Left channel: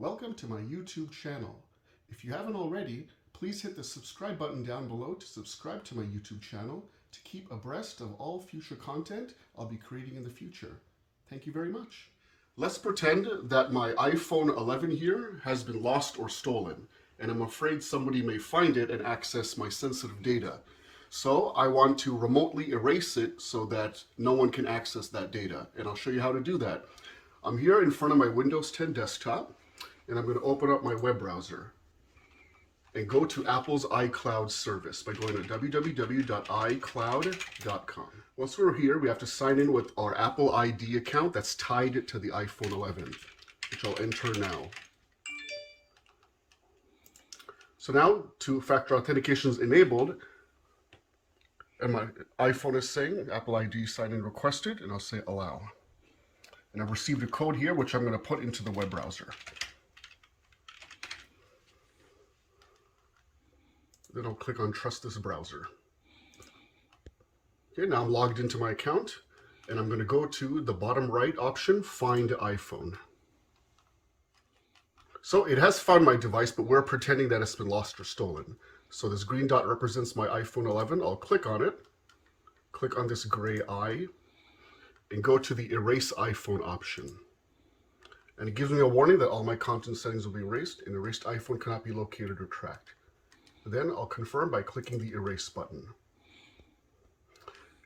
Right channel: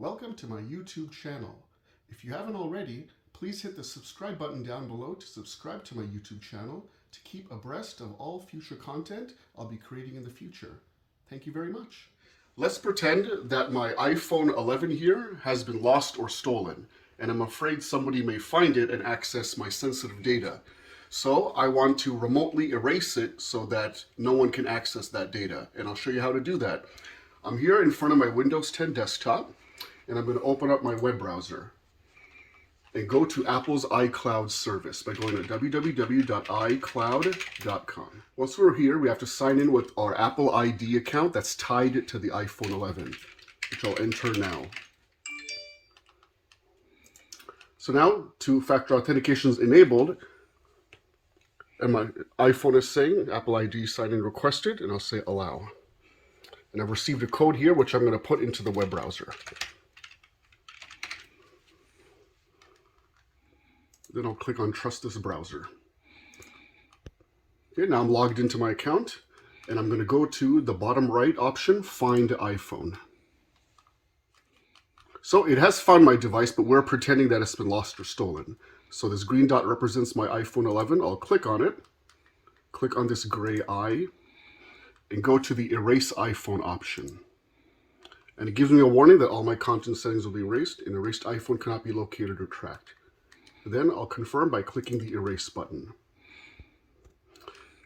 Welcome to my YouTube channel. If you haven't already, please hit the subscribe button down below to subscribe to my YouTube channel to keep abreast of all future content I'll be creating in the future. Thank you very much. Let's pretend that my iPhone 11 here has been lost or stolen, and I'm afraid somebody may find it and access my sensitive data. So I want to remotely erase it so that no one can access that data, and I'll show you how to do that. I'm here in front of my Windows 10 desktop, and I'm going to open up my web browser and go to Apple's iCloud service by going to www.icloud.com. Once we're here, we have to sign in with our Apple ID account that's tied to the iPhone 11, which I'll enter now. So now, two-factor authentication is enabled, and my iPhone is saying Apple ID sign-in requested, and I'll say allow. And I've received a code here, which I'm going to put into the web browser. Then I'll click on Trust this browser. Okay, now I'm logged into my account, and I'm going to go to the bottom right option, Find iPhone. So it has found my device, but we're pretending that it's been lost or stolen. So this green dot represents my iPhone 11. I'll click on it, click on this gray eye, and go to the Erase iPhone option. And it gives me a warning that all my content settings will be erased. An erased iPhone cannot be located or tracked. Then I'll confirm by clicking the Erase button.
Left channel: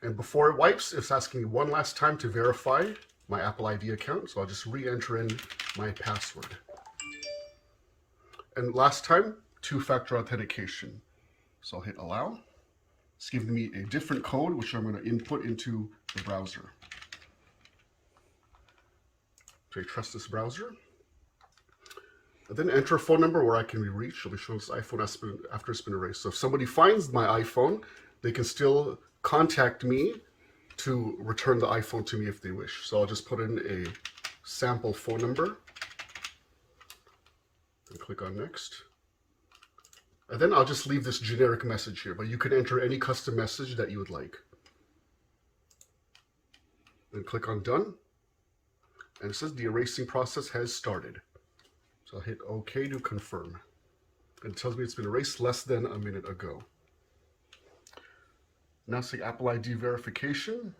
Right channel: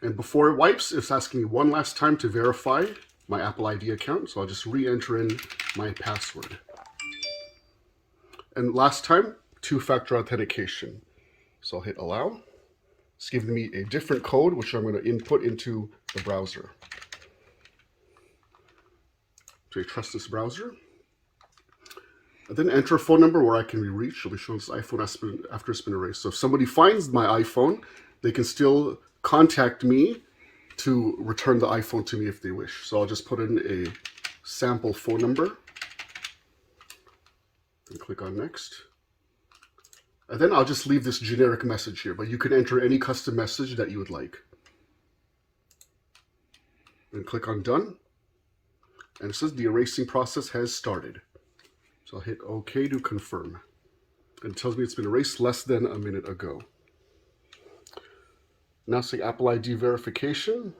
And before it wipes, it's asking me one last time to verify my Apple ID account. So I'll just re-enter in my password. And last time, two-factor authentication. So I'll hit allow. It's giving me a different code, which I'm going to input into the browser. So I trust this browser. And then enter a phone number where I can be reached. It'll be showing this iPhone after it's been erased. So if somebody finds my iPhone, they can still contact me to return the iPhone to me if they wish. So I'll just put in a sample phone number. And click on next. And then I'll just leave this generic message here, but you can enter any custom message that you would like. And click on done. And it says the erasing process has started. So I'll hit OK to confirm. And it tells me it's been erased less than a minute ago. Now say Apple ID verification.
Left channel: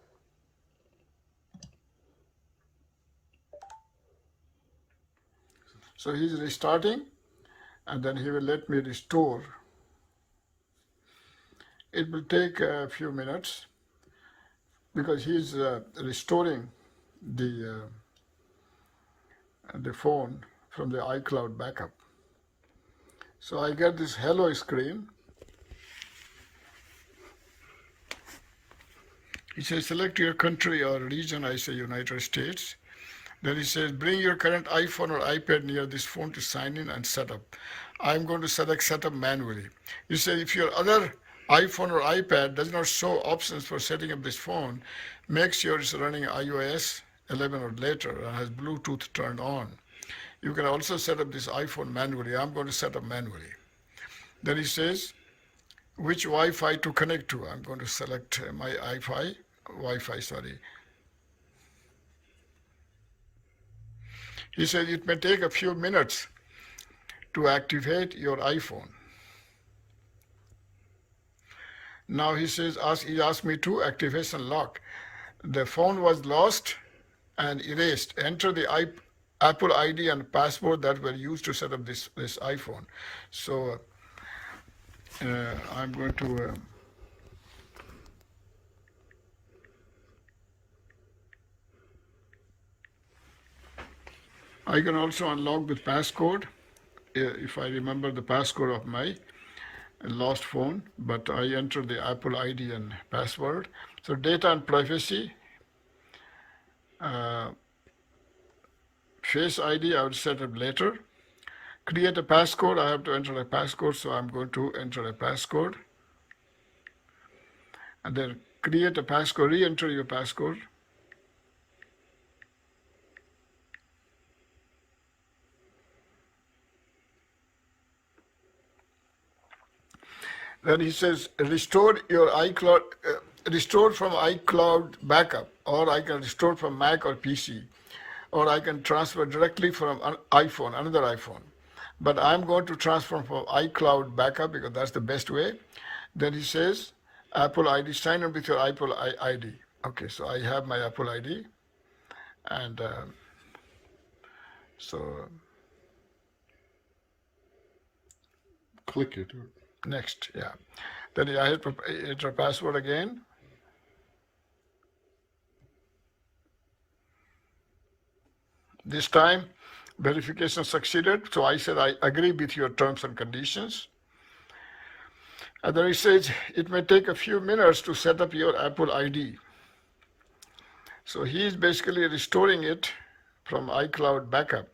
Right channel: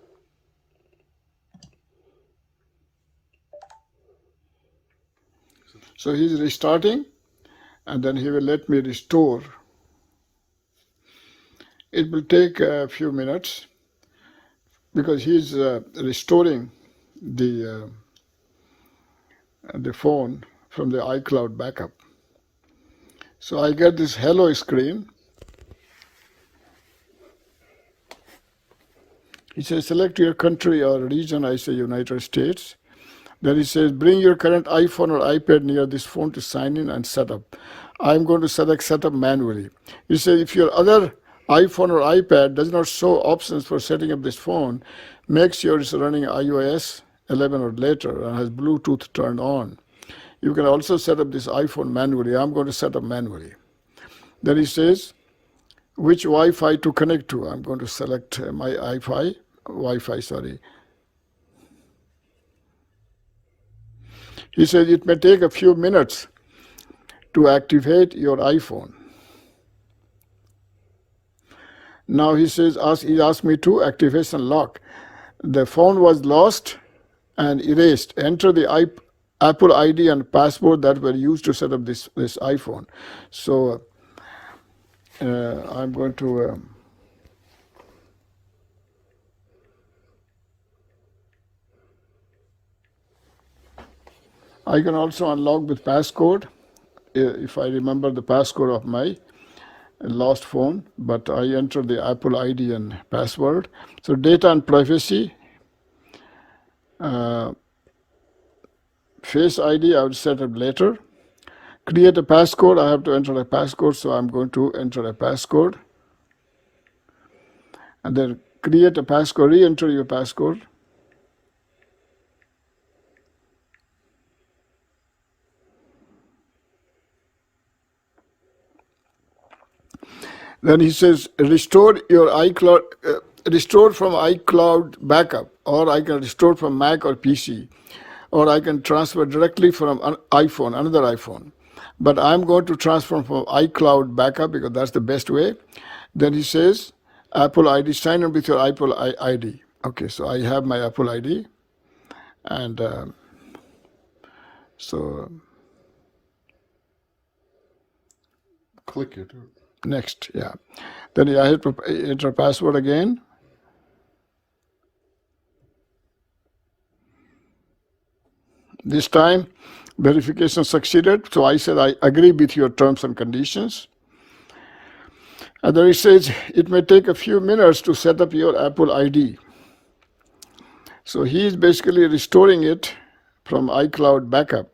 So he's restarting, and then he will let me restore. It will take a few minutes because he's restoring the phone from the iCloud backup. So I get this hello screen. He says select your country or region. I say United States. Then he says bring your current iPhone or iPad near this phone to sign in and set up. I'm going to select setup manually. He says if your other iPhone or iPad does not show options for setting up this phone, make sure it's running iOS 11 or later and has Bluetooth turned on. You can also set up this iPhone manually. I'm going to set up manually. Then he says which Wi-Fi to connect to. I'm going to select my Wi-Fi. He says it may take a few minutes to activate your iPhone. Now he says he asked me to activation lock. The phone was lost and erased. Enter the Apple ID and password that were used to set up this iPhone. So I'm going to I can also unlock with passcode if I remember the passcode of my lost phone, but I enter the Apple ID and password. So data and privacy. Face ID I will set up later. Create a passcode. I have to enter a passcode, so I'm going to enter a passcode. And then create a passcode, re-enter your passcode. Then he says restore your iCloud, restore from iCloud backup, or I can restore from Mac or PC. or I can transfer directly from an iPhone, another iPhone. But I'm going to transfer from iCloud backup because that's the best way. Then he says, Apple ID, sign in with your Apple ID. Okay, so I have my Apple ID, and so Click it. next, yeah. Then I hit enter password again. This time, verification succeeded. So I said, I agree with your terms and conditions. And then it says, it may take a few minutes to set up your Apple ID. So he is basically restoring it from iCloud backup.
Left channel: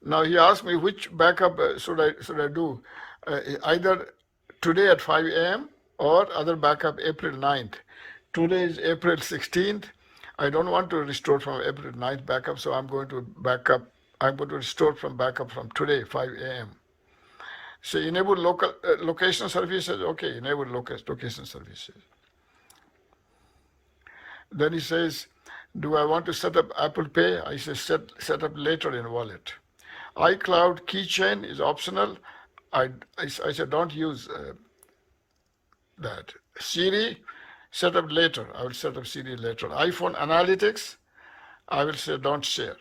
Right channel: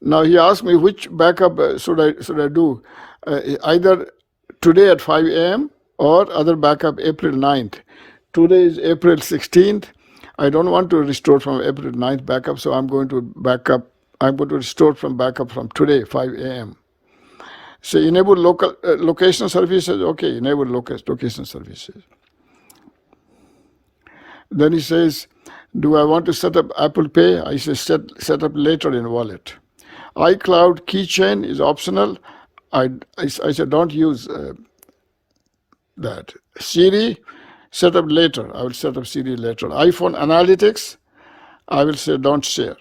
Now he asked me which backup should I do, either today at 5 a.m. or other backup April 9th. Today is April 16th. I don't want to restore from April 9th backup, so I'm going to restore from backup from today, 5 a.m. So enable local location services. Okay, enable location services. Then he says, do I want to set up Apple Pay? I say set up later in wallet. iCloud keychain is optional. I said don't use that. Siri, set up later. I will set up Siri later. iPhone analytics, I will say don't share.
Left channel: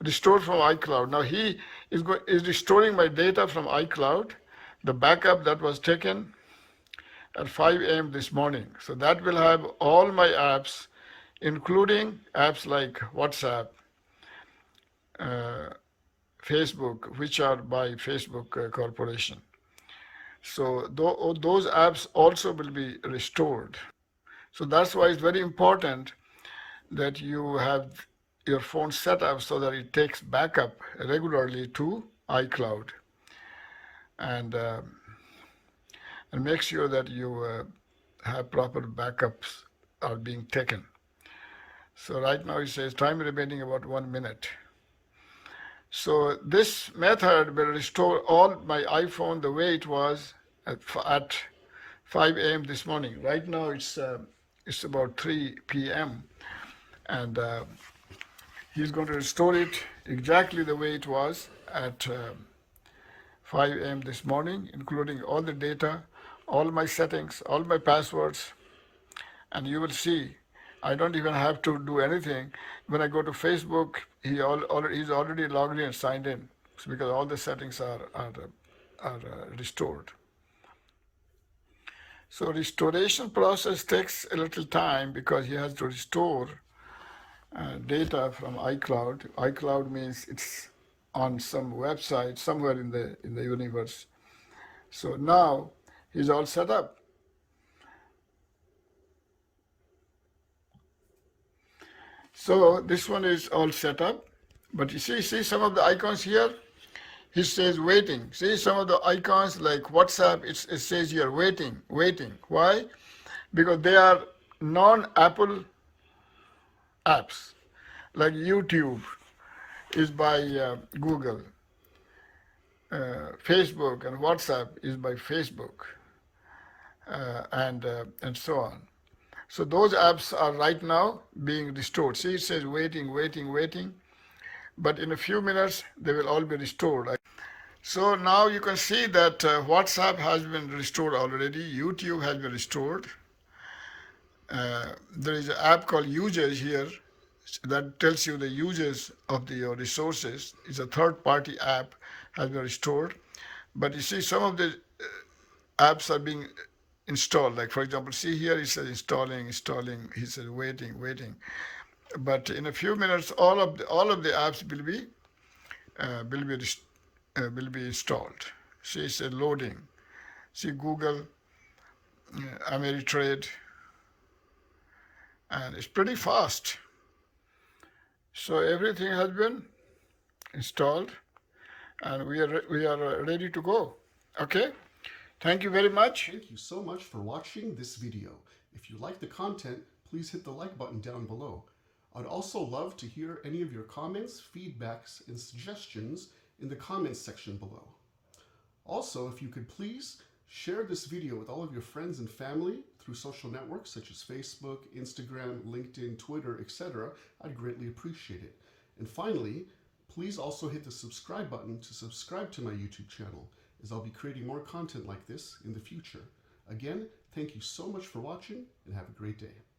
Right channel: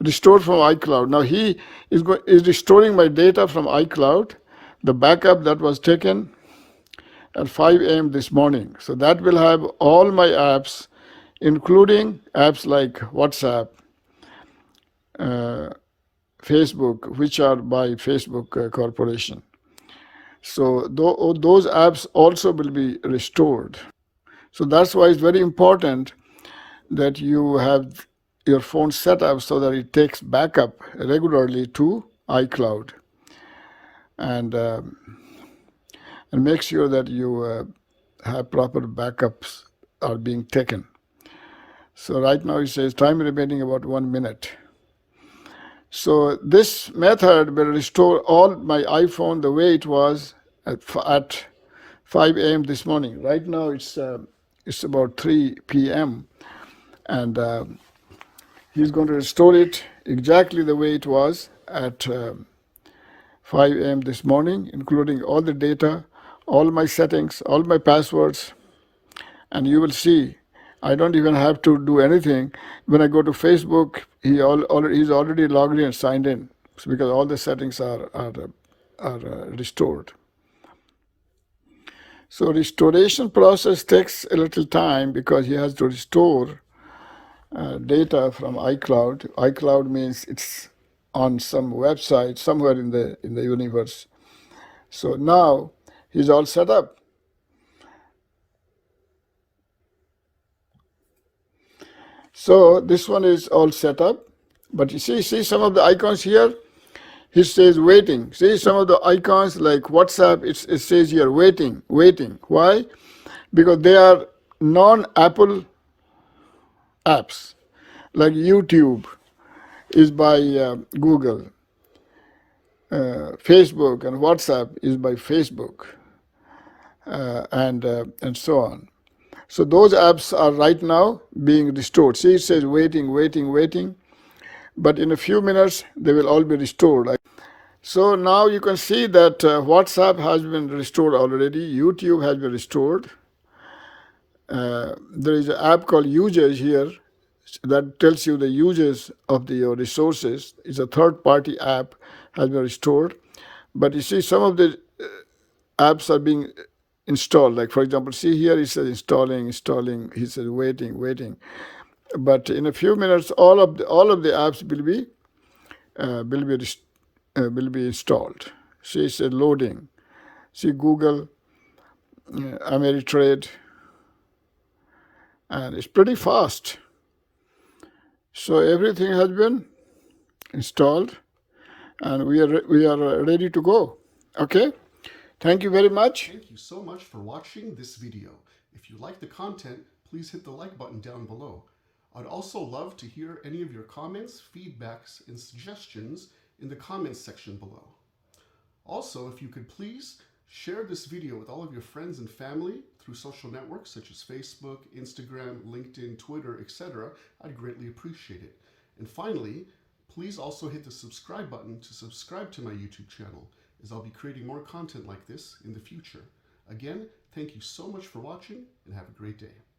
Restore from iCloud. Now he is restoring my data from iCloud, the backup that was taken at 5 a.m. this morning. So that will have all my apps, including apps like WhatsApp, Facebook, which are by Facebook Corporation. So those apps also will be restored. So that's why it's very important that you have your phone set up so that it takes backup regularly to iCloud, and make sure that you have proper backups are being taken. So right now it says time remaining about 1 minute. So this method will restore all my iPhone the way it was at 5 a.m. this morning. Right now it's about 3 p.m. and he's going to restore it exactly the way it was at 5 a.m. this morning, including all the data, all my settings, all my passwords, and you will see I don't even have to do anything. When I go to Facebook, he's already logged in and signed in because all the settings are restored. So restoration process takes a little time because he has to restore data from iCloud. iCloud means it's on some website somewhere in the universe. So now he's all set up. So this one is all set up, but you see some of the icons here. He says waiting. See some of the icons like WhatsApp. It says here waiting. Why? Because they are non-Apple apps. Like YouTube is by Google. Facebook and WhatsApp is by Facebook, and so on. So those apps are right now being restored. See, it says waiting, but in a few minutes they will all be restored. So now you can see that WhatsApp has been restored already. YouTube has been restored. There is an app called Users here that tells you the uses of your resources. It's a third-party app, has been restored. But you see some of the apps are being installed. Like for example, see here it says installing. He says waiting. But in a few minutes, all of the apps will be installed. See, it says loading. See Google, Ameritrade, and it's pretty fast. So everything has been installed, and we are ready to go. Okay. Thank you very much. Thank you so much for watching this video. If you like the content, please hit the like button down below. I'd also love to hear any of your comments, feedbacks, and suggestions in the comments section below. Also, if you could please share this video with all of your friends and family through social networks such as Facebook, Instagram, LinkedIn, Twitter, etc., I'd greatly appreciate it. And finally, please also hit the subscribe button to subscribe to my YouTube channel, as I'll be creating more content like this in the future. Again, thank you so much for watching, and have a great day.